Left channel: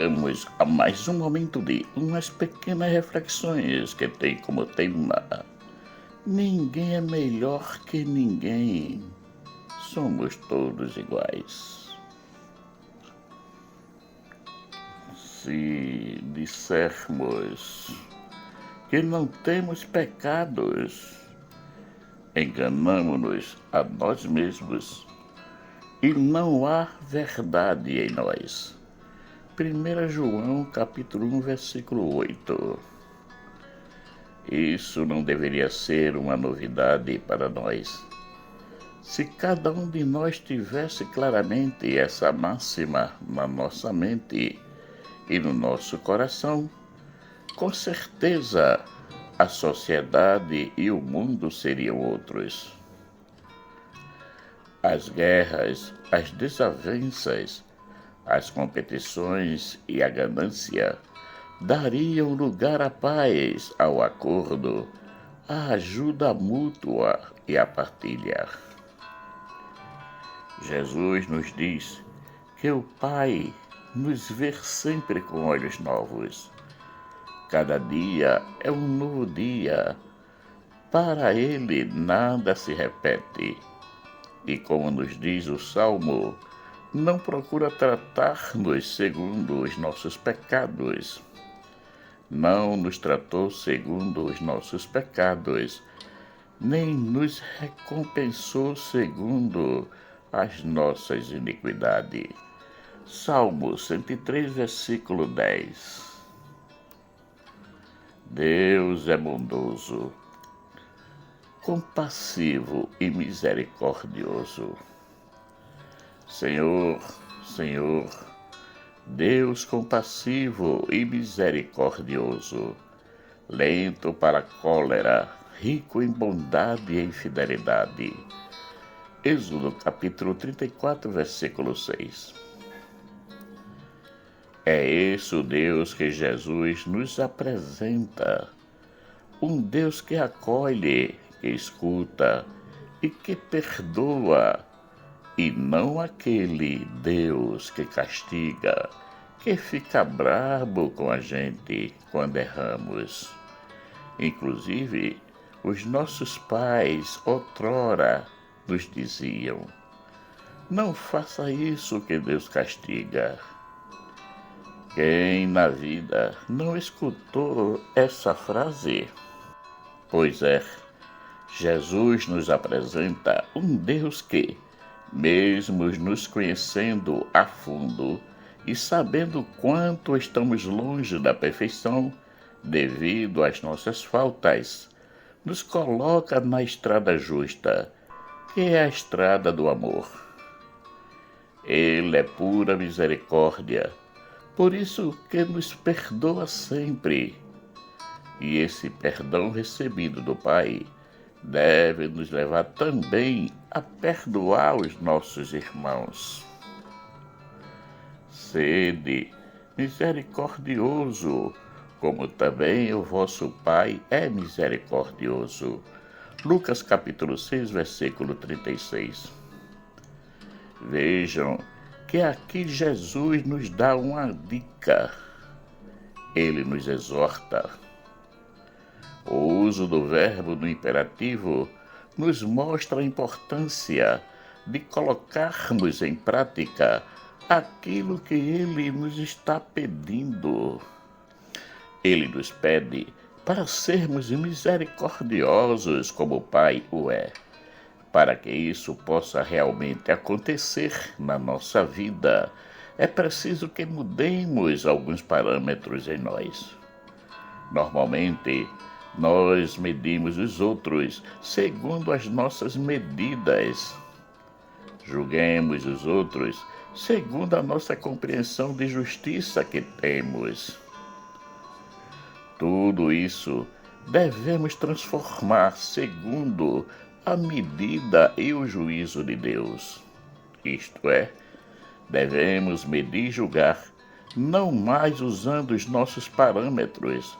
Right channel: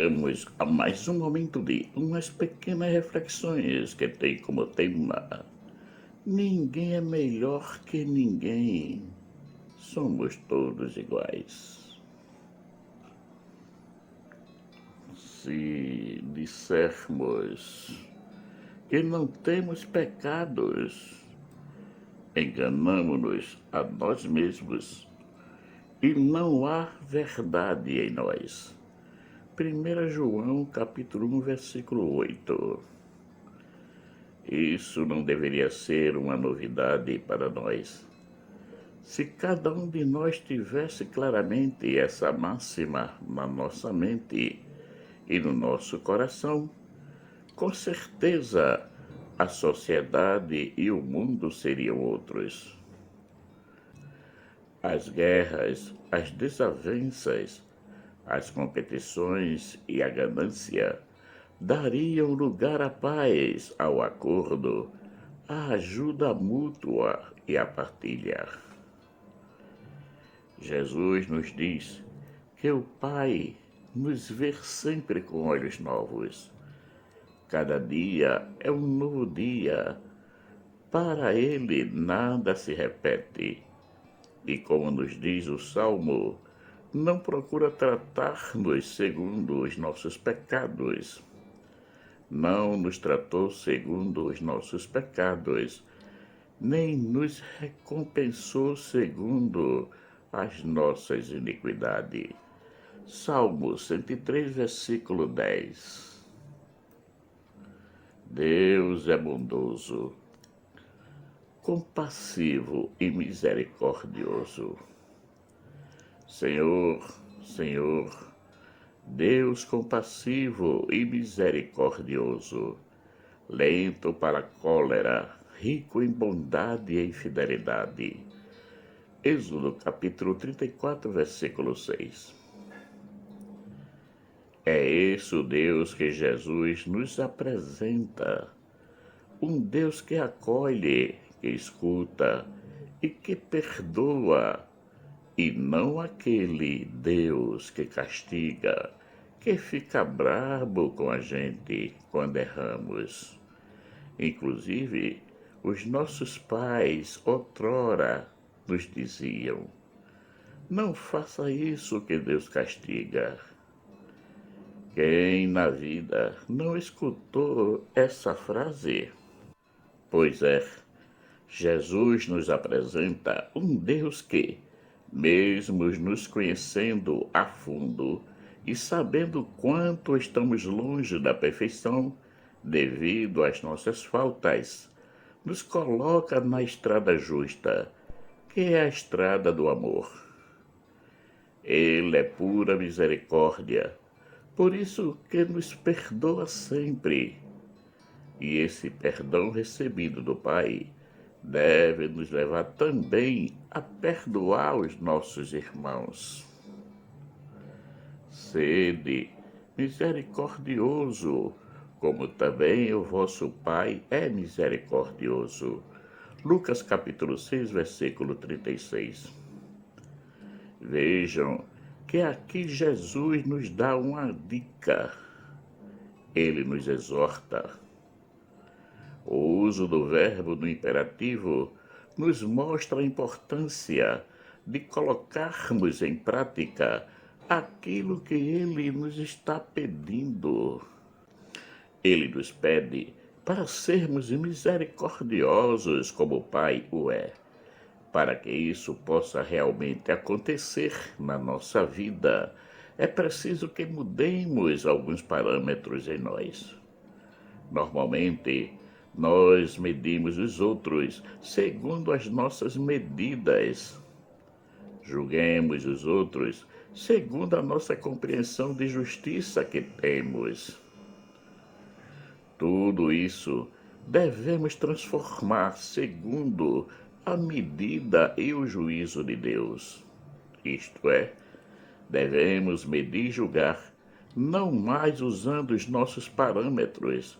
chegamos a mais um momento de umas pequenas reflexões que tem como tema: ninguém é melhor que ninguém, somos todos iguais. Se dissermos que não temos pecados, enganamo-nos a nós mesmos e não há verdade em nós. 1 João capítulo 1, versículo 8. Isso não deveria ser uma novidade para nós. Se cada um de nós tivesse claramente essa máxima na nossa mente e no nosso coração, com certeza a sociedade e o mundo seriam outros. As guerras, as desavenças, as competições e a ganância dariam lugar à paz, ao acordo, à ajuda mútua e à partilha. Jesus nos diz que o Pai nos vê sempre com olhos novos. Cada dia é um novo dia. Para Ele nada se repete. E como nos diz o Salmo, não procura tratar-nos segundo os nossos pecados. Não nos tratou segundo os nossos pecados, nem nos recompensou segundo as nossas iniquidades. Salmo 103, versículo 10. Deus é bondoso, compassivo e misericordioso. Senhor, Deus compassivo e misericordioso, lento para a cólera, rico em bondade e em fidelidade. Êxodo capítulo 34, versículo 6. É esse o Deus que Jesus nos apresenta, um Deus que acolhe, que escuta e que perdoa, e não aquele Deus que castiga, que fica brabo com a gente quando erramos. Inclusive, os nossos pais outrora nos diziam: não faça isso que Deus castiga. Quem na vida não escutou essa frase? Pois é, Jesus nos apresenta um Deus que, mesmo nos conhecendo a fundo e sabendo quanto estamos longe da perfeição devido às nossas faltas, nos coloca na estrada justa, que é a estrada do amor. Ele é pura misericórdia, por isso que nos perdoa sempre. E esse perdão recebido do Pai deve nos levar também a perdoar os nossos irmãos. Sede misericordioso, como também o vosso Pai é misericordioso. Lucas capítulo 6, versículo 36. Vejam que aqui Jesus nos dá uma dica. Ele nos exorta. O uso do verbo no imperativo nos mostra a importância de colocarmos em prática aquilo que Ele nos está pedindo. Ele nos pede para sermos misericordiosos como o Pai o é. Para que isso possa realmente acontecer na nossa vida, é preciso que mudemos alguns parâmetros em nós. Normalmente, nós medimos os outros segundo as nossas medidas. Julguemos os outros segundo a nossa compreensão de justiça que temos. Tudo isso devemos transformar segundo a medida e o juízo de Deus. Isto é, devemos medir e julgar não mais usando os nossos parâmetros,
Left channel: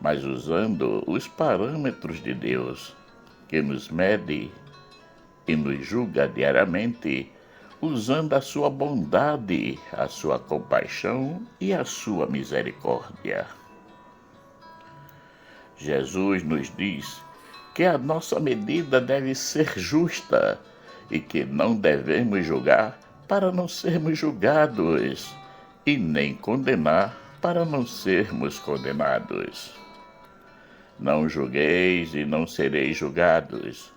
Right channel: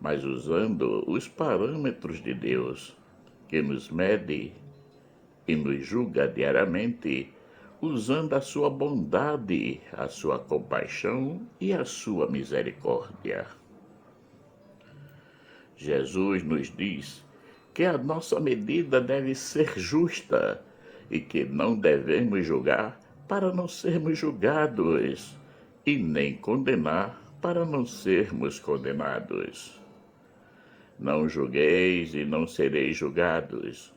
mas usando os parâmetros de Deus, que nos mede e nos julga diariamente usando a sua bondade, a sua compaixão e a sua misericórdia. Jesus nos diz que a nossa medida deve ser justa e que não devemos julgar para não sermos julgados e nem condenar para não sermos condenados. Não julgueis e não sereis julgados.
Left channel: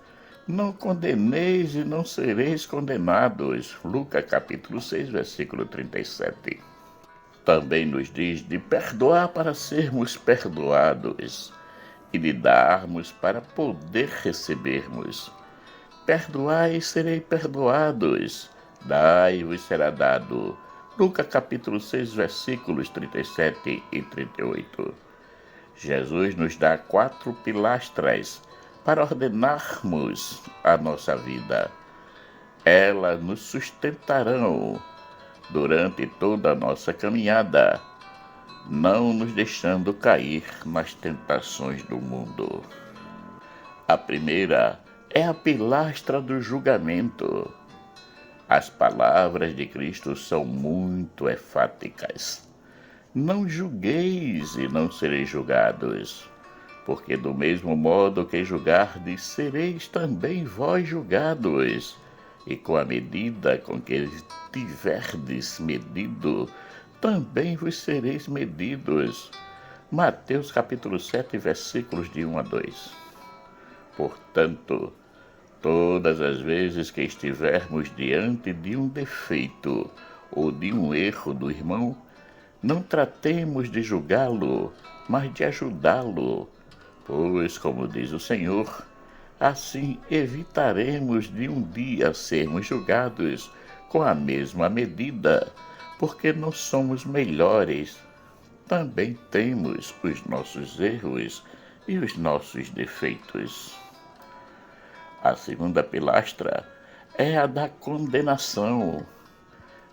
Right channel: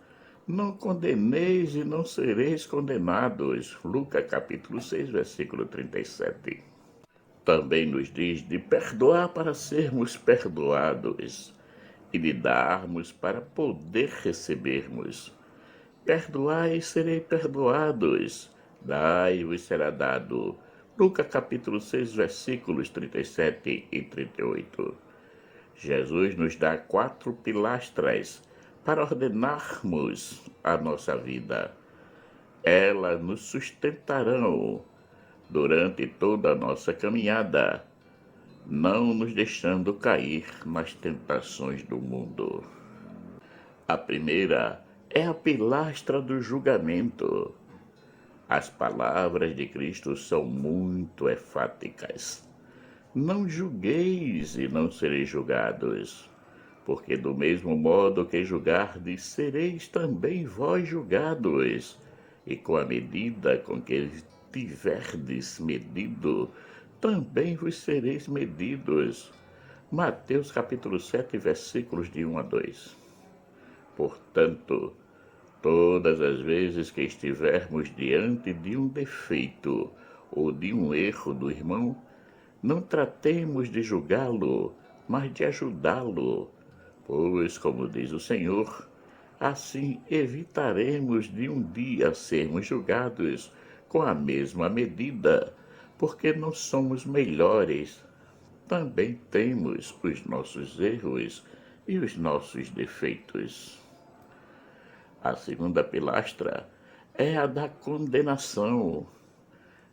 Não condeneis e não sereis condenados. Lucas capítulo 6, versículo 37. Também nos diz de perdoar para sermos perdoados e de darmos para poder recebermos. Perdoai e serei perdoados. Dai e vos será dado. Lucas capítulo 6, versículos 37 e 38. Jesus nos dá 4 pilastras para ordenarmos a nossa vida. Elas nos sustentarão durante toda a nossa caminhada, não nos deixando cair nas tentações do mundo. A primeira é a pilastra do julgamento. As palavras de Cristo são muito enfáticas. Não julgueis e não sereis julgados, porque do mesmo modo que julgardes, sereis também vós julgados, e com a medida com que tiverdes medido, também vos sereis medidos. Mateus capítulo 7, versículos de 1 a 2. Portanto, todas as vezes que estivermos diante de um defeito ou de um erro do irmão, não tratemos de julgá-lo, mas de ajudá-lo, pois, como diz o Senhor, assim evitaremos de um dia sermos julgados com a mesma medida, porque não somos melhores. Também temos os nossos erros e os nossos defeitos. A segunda pilastra é a da condenação.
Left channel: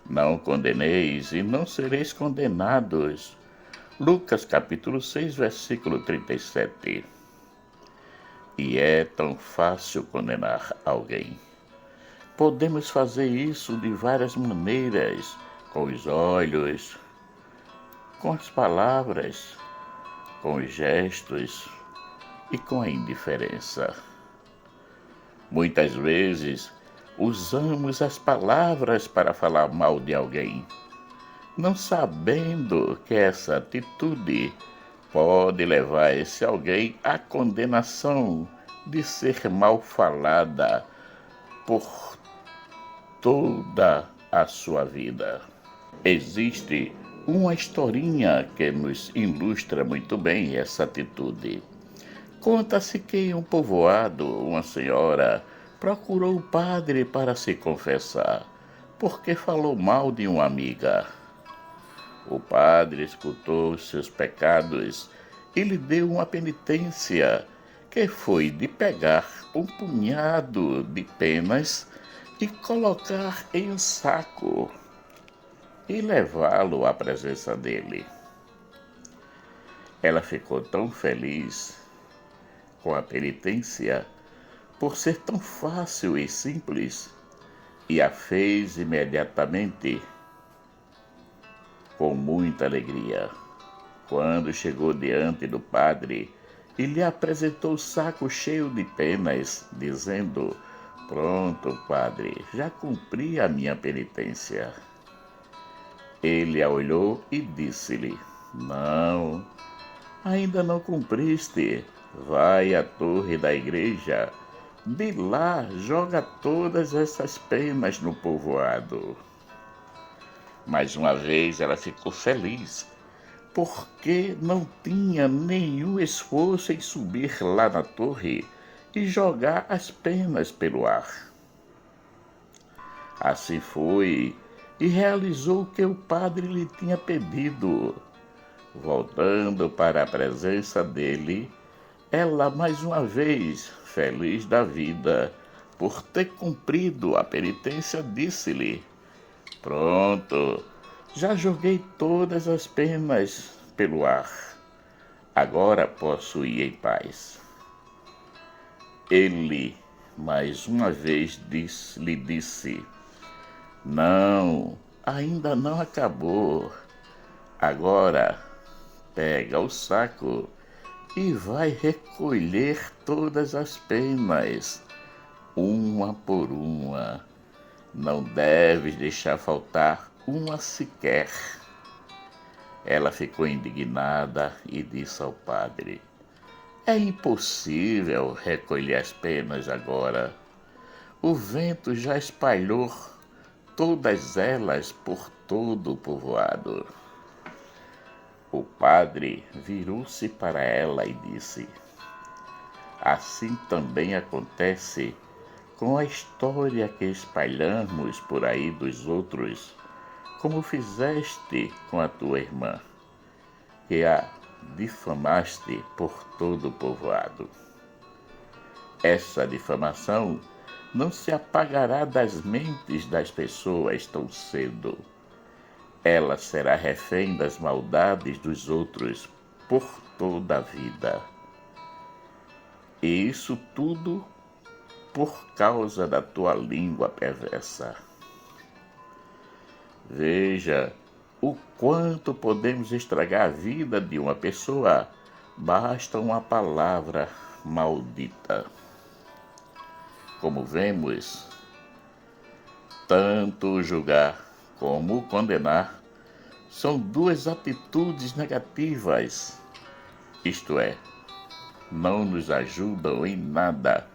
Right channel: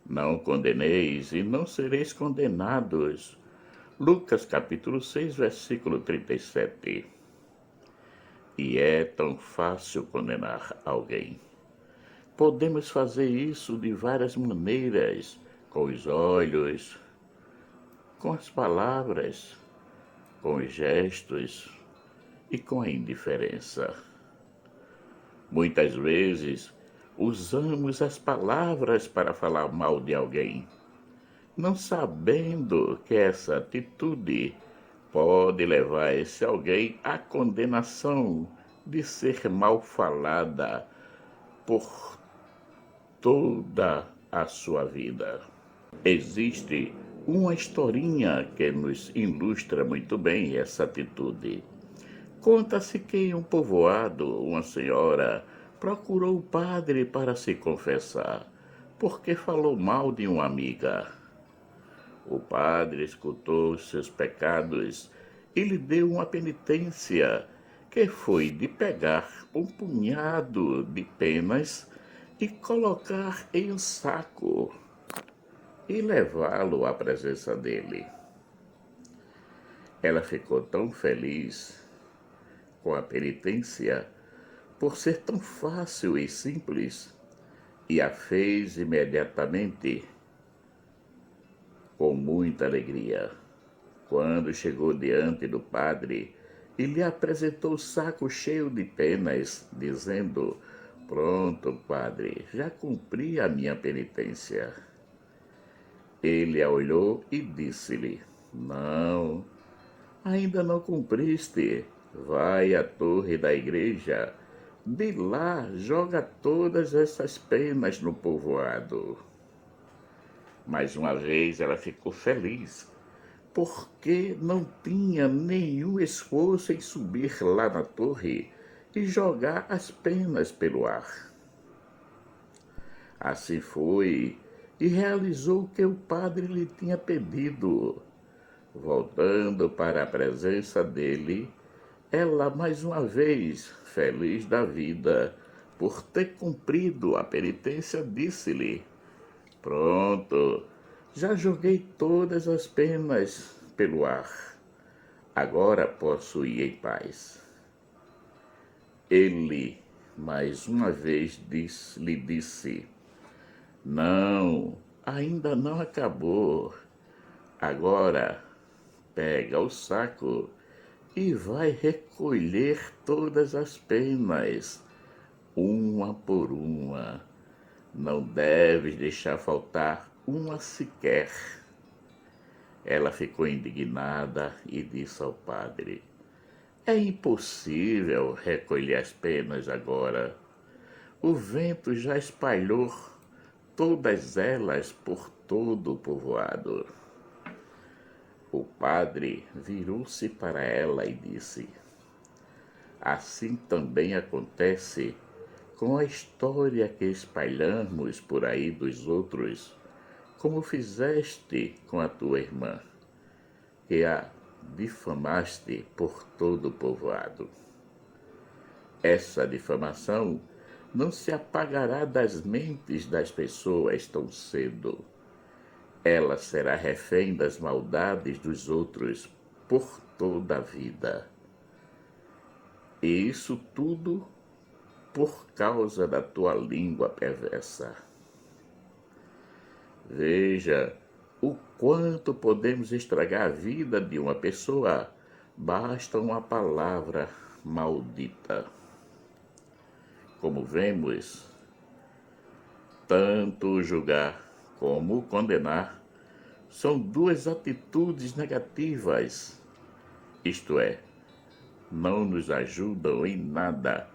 Não condeneis e não sereis condenados. Lucas capítulo 6, versículo 37. E é tão fácil condenar alguém. Podemos fazer isso de várias maneiras, com os olhos, com as palavras, com os gestos e com a indiferença. Muitas vezes, usamos as palavras para falar mal de alguém, não sabendo que essa atitude pode levar esse alguém à condenação de ser mal falada por toda a sua vida. Existe uma historinha que nos ilustra muito bem essa atitude. Conta-se que em um povoado, uma senhora procurou o padre para se confessar, porque falou mal de uma amiga. O padre escutou os seus pecados e lhe deu uma penitência, que foi de pegar um punhado de penas e colocar em um saco e levá-lo à presença dele. Ela ficou tão feliz com a penitência, por ser tão fácil e simples, e a fez imediatamente com muita alegria. Quando chegou diante do padre e lhe apresentou o saco cheio de penas, dizendo: "Pronto, padre, já cumpri a minha penitência." Ele a olhou e disse-lhe: "Não, ainda não cumpriste. Vai à torre da igreja, de lá joga todas essas penas no povoado." Mais uma vez ela ficou feliz, porque não tinha nenhum esforço em subir lá na torre e jogar as penas pelo ar. Assim foi e realizou o que o padre lhe tinha pedido. Voltando para a presença dele, ela mais uma vez, feliz da vida, por ter cumprido a penitência, disse-lhe: "Pronto, já joguei todas as penas pelo ar. Agora posso ir em paz." Ele, mais uma vez, lhe disse: Não, ainda não acabou. Agora, pega o saco e vai recolher todas as penas, uma por uma. Não deves deixar faltar uma sequer. Ela ficou indignada e disse ao padre: É impossível recolher as penas agora. O vento já espalhou todas elas por todo o povoado. O padre virou-se para ela e disse: Assim também acontece com a história que espalhamos por aí dos outros, como fizeste com a tua irmã, que a difamaste por todo o povoado. Essa difamação não se apagará das mentes das pessoas tão cedo. Ela será refém das maldades dos outros por toda a vida. E isso tudo por causa da tua língua perversa. Veja o quanto podemos estragar a vida de uma pessoa, basta uma palavra maldita. Como vemos, tanto julgar como condenar são duas atitudes negativas, isto é, não nos ajudam em nada,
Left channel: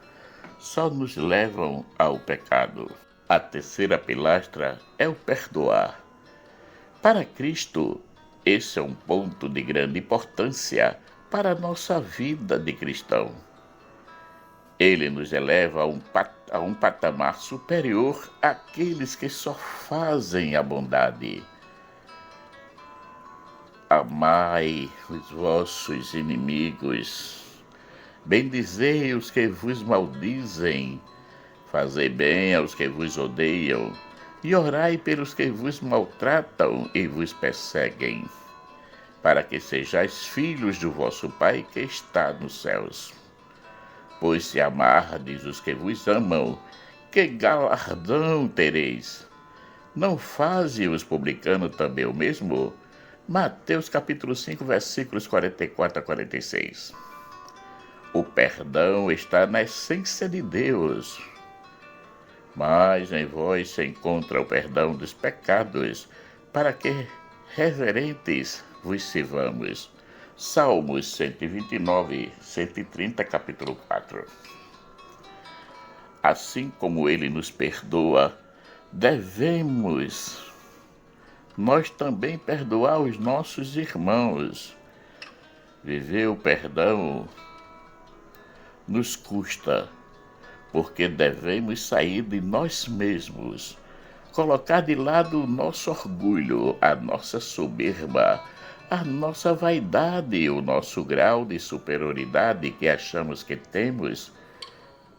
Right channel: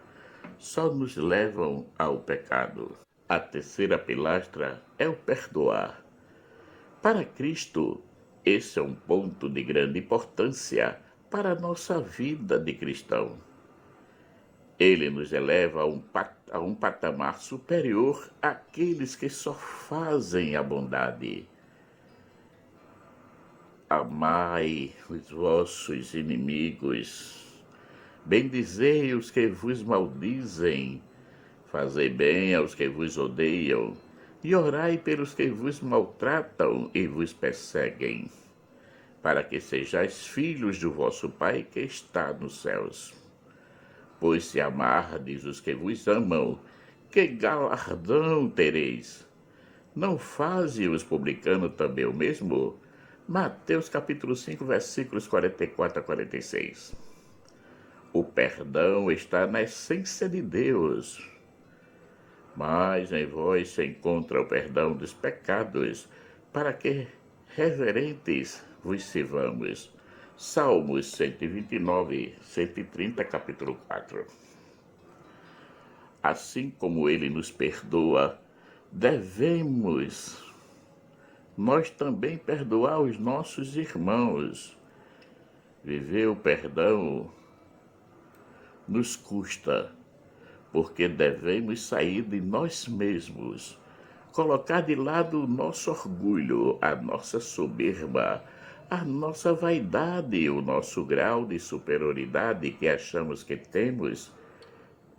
só nos levam ao pecado. A terceira pilastra é o perdoar. Para Cristo, esse é um ponto de grande importância para a nossa vida de cristão. Ele nos eleva a um patamar superior àqueles que só fazem a bondade. Amai os vossos inimigos, bendizei os que vos maldizem, fazei bem aos que vos odeiam, e orai pelos que vos maltratam e vos perseguem, para que sejais filhos do vosso Pai que está nos céus. Pois se amardes os que vos amam, que galardão tereis? Não faze os publicanos também o mesmo? Mateus capítulo 5, versículos 44 a 46. O perdão está na essência de Deus. Mas em vós se encontra o perdão dos pecados, para que reverentes vos sirvamos. Salmos 129, 130, capítulo 4. Assim como ele nos perdoa, devemos nós também perdoar os nossos irmãos. Viver o perdão nos custa, porque devemos sair de nós mesmos, colocar de lado o nosso orgulho, a nossa soberba, a nossa vaidade, o nosso grau de superioridade que achamos que temos,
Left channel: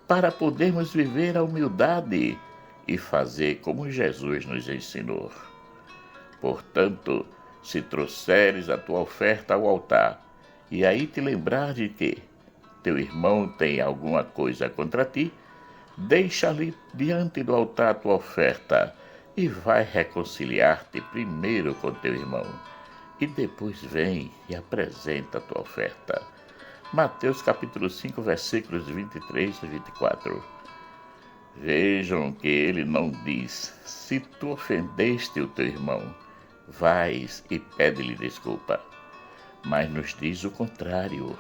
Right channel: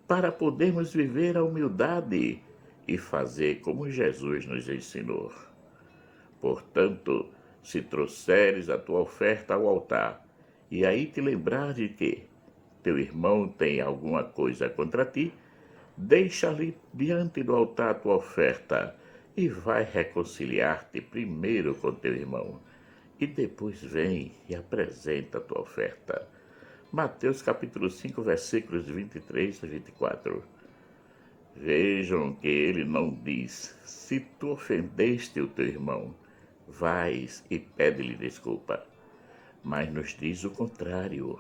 para podermos viver a humildade e fazer como Jesus nos ensinou. Portanto, se trouxeres a tua oferta ao altar, e aí te lembrar de que teu irmão tem alguma coisa contra ti, deixa ali diante do altar a tua oferta e vai reconciliar-te primeiro com teu irmão, e depois vem e apresenta a tua oferta. Mateus capítulo 5, versículos 23 e 24. Vejam que ele não diz: se tu ofendeste o teu irmão, vais e pede-lhe desculpa, mas nos diz o contrário.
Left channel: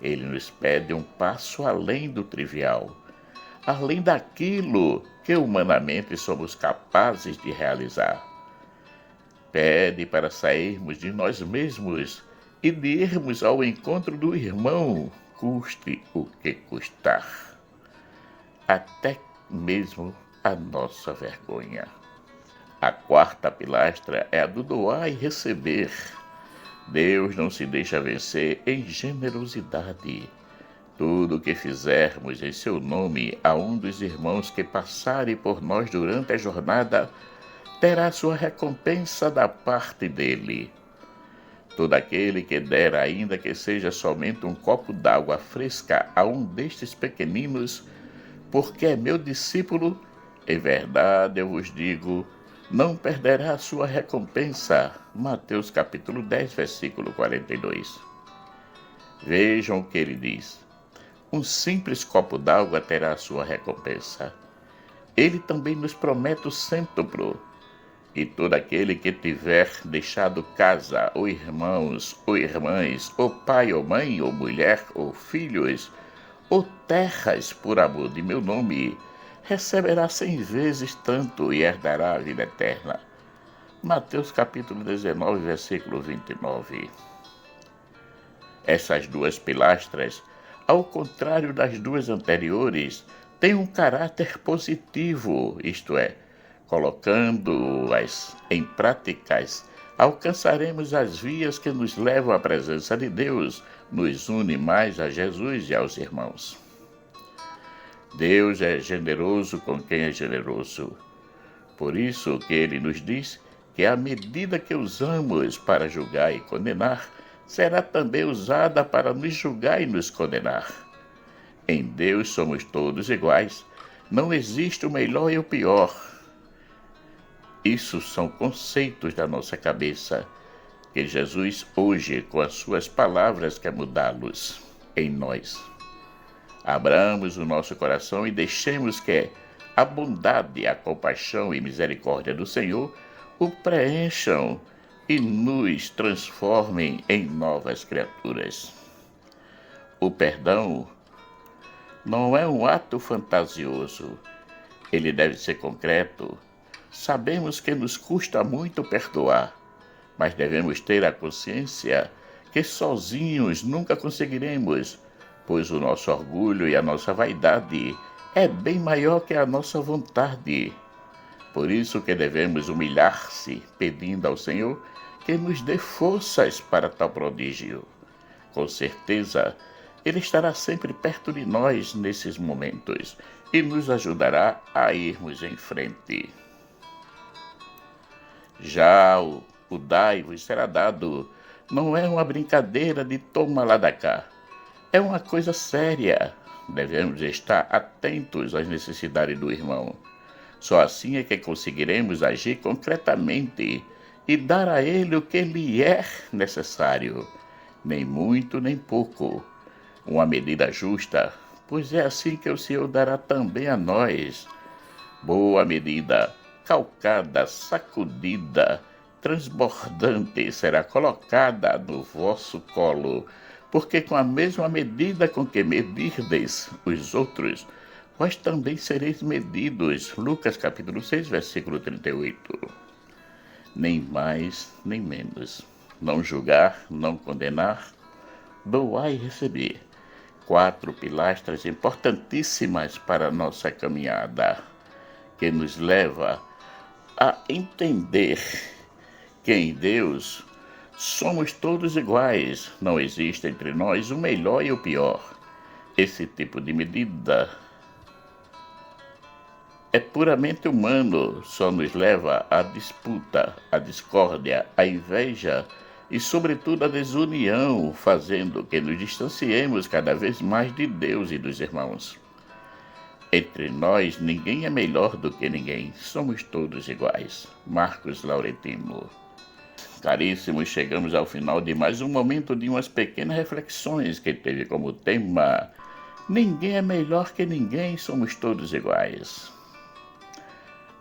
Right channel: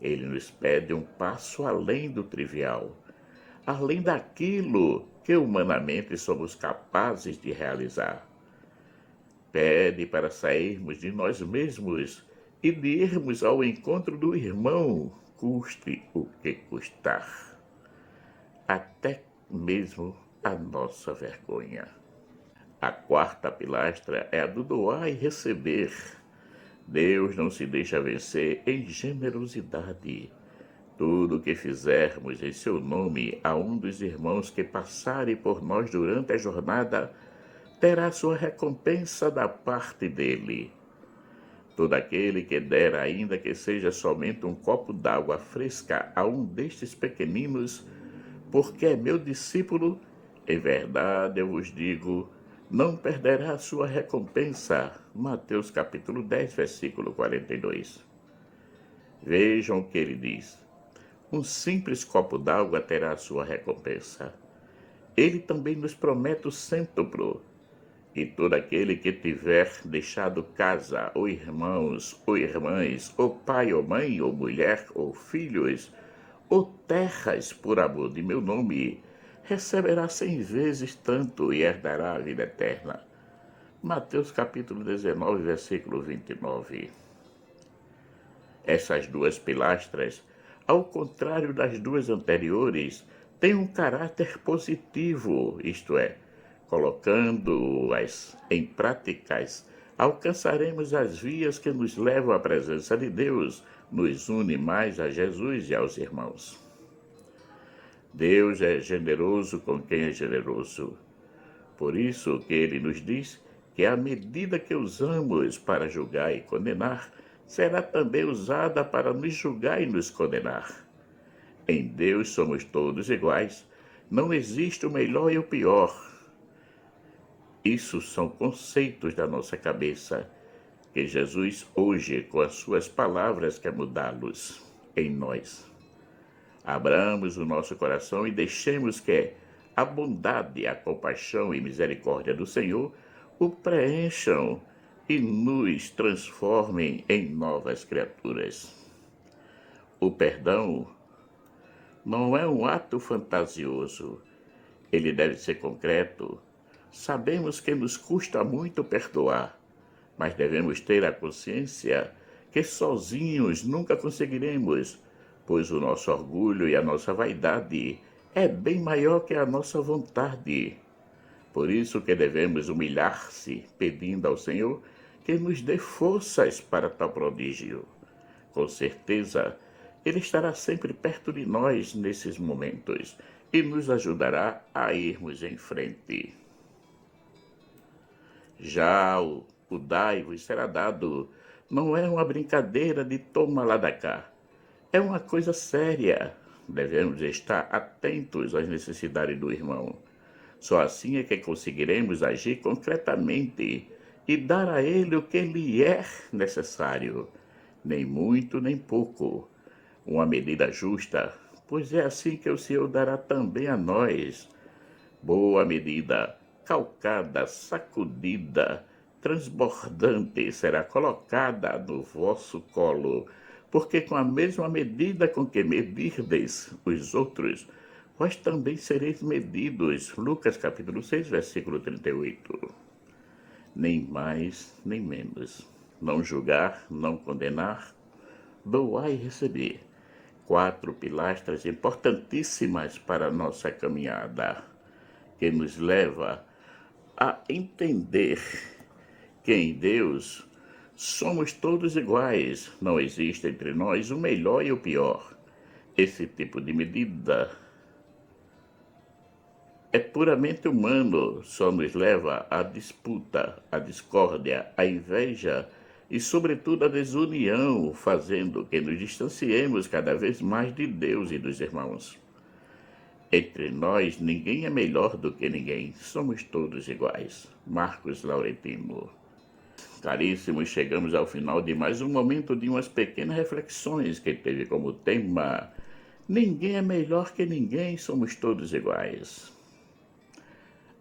Ele nos pede um passo além do trivial, além daquilo que humanamente somos capazes de realizar. Pede para sairmos de nós mesmos e de irmos ao encontro do irmão, custe o que custar, até mesmo a nossa vergonha. A quarta pilastra é a do doar e receber. Deus não se deixa vencer em generosidade. Tudo o que fizermos em seu nome a um dos irmãos que passarem por nós durante a jornada terá sua recompensa da parte dele. Todo aquele que der, ainda que seja somente um copo d'água fresca a um destes pequeninos, porque é meu discípulo, Em verdade eu vos digo, não perderá a sua recompensa. Mateus capítulo 10, versículo 42. Vejam o que ele diz. Um simples copo d'água terá a sua recompensa. Ele também nos promete o cêntuplo. E todo aquele que tiver deixado casa, ou irmãos, ou irmãs, ou pai, ou mãe, ou mulher, ou filhos, ou terras por amor de meu nome, receberá 100 vezes tanto e herdará a vida eterna. Mateus capítulo 19, versículo 29. Essas duas pilastras, ao contrário das duas anteriores, têm um caráter positivo, isto é, colocando-as em práticas, alcançaremos as vias que nos levam à presença de Deus, nos une mais a Jesus e aos irmãos. Deus é generoso com quem é generoso. Por isso que ele nos diz que a medida que usamos para julgar e condenar será também usada para nos julgar e nos condenar. Em Deus somos todos iguais. Não existe o melhor e o pior. Isso são conceitos da nossa cabeça, que Jesus hoje, com as suas palavras, quer mudá-los em nós. Abramos o nosso coração e deixemos que a bondade, a compaixão e misericórdia do Senhor o preencham e nos transformem em novas criaturas. O perdão não é um ato fantasioso, ele deve ser concreto. Sabemos que nos custa muito perdoar, mas devemos ter a consciência que sozinhos nunca conseguiremos, pois o nosso orgulho e a nossa vaidade é bem maior que a nossa vontade. Por isso que devemos humilhar-se, pedindo ao Senhor que nos dê forças para tal prodígio. Com certeza, Ele estará sempre perto de nós nesses momentos e nos ajudará a irmos em frente. Já o dai-vos será dado não é uma brincadeira de toma lá da cá. É uma coisa séria. Devemos estar atentos às necessidades do irmão. Só assim é que conseguiremos agir concretamente e dar a ele o que lhe é necessário, nem muito nem pouco. Uma medida justa, pois é assim que o Senhor dará também a nós. Boa medida, calcada, sacudida, transbordante será colocada no vosso colo, porque com a mesma medida com que medirdes os outros, vós também sereis medidos. Lucas capítulo 6, versículo 38. Nem mais, nem menos. Não julgar, não condenar, doar e receber. 4 pilastras importantíssimas para a nossa caminhada, que nos leva a entender que em Deus somos todos iguais, não existe entre nós o melhor e o pior. Esse tipo de medida é puramente humano, só nos leva à disputa, à discórdia, à inveja e, sobretudo, à desunião, fazendo que nos distanciemos cada vez mais de Deus e dos irmãos. Entre nós, ninguém é melhor do que ninguém, somos todos iguais. Marcos Laurentino. Caríssimos, chegamos ao final de mais um momento de umas pequenas reflexões que teve como tema: ninguém é melhor que ninguém, somos todos iguais.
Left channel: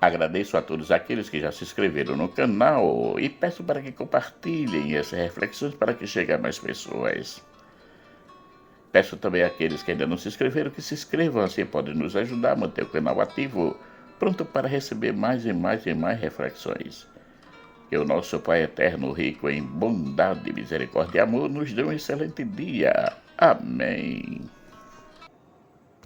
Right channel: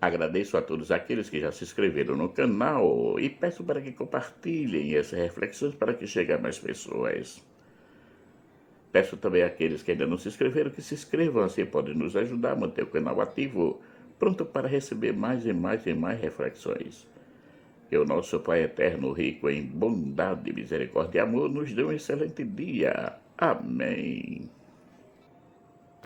Agradeço a todos aqueles que já se inscreveram no canal e peço para que compartilhem essas reflexões para que cheguem a mais pessoas. Peço também àqueles que ainda não se inscreveram que se inscrevam, assim podem nos ajudar a manter o canal ativo, pronto para receber mais e mais e mais reflexões. Que o nosso Pai Eterno, rico em bondade, misericórdia e amor, nos dê um excelente dia. Amém.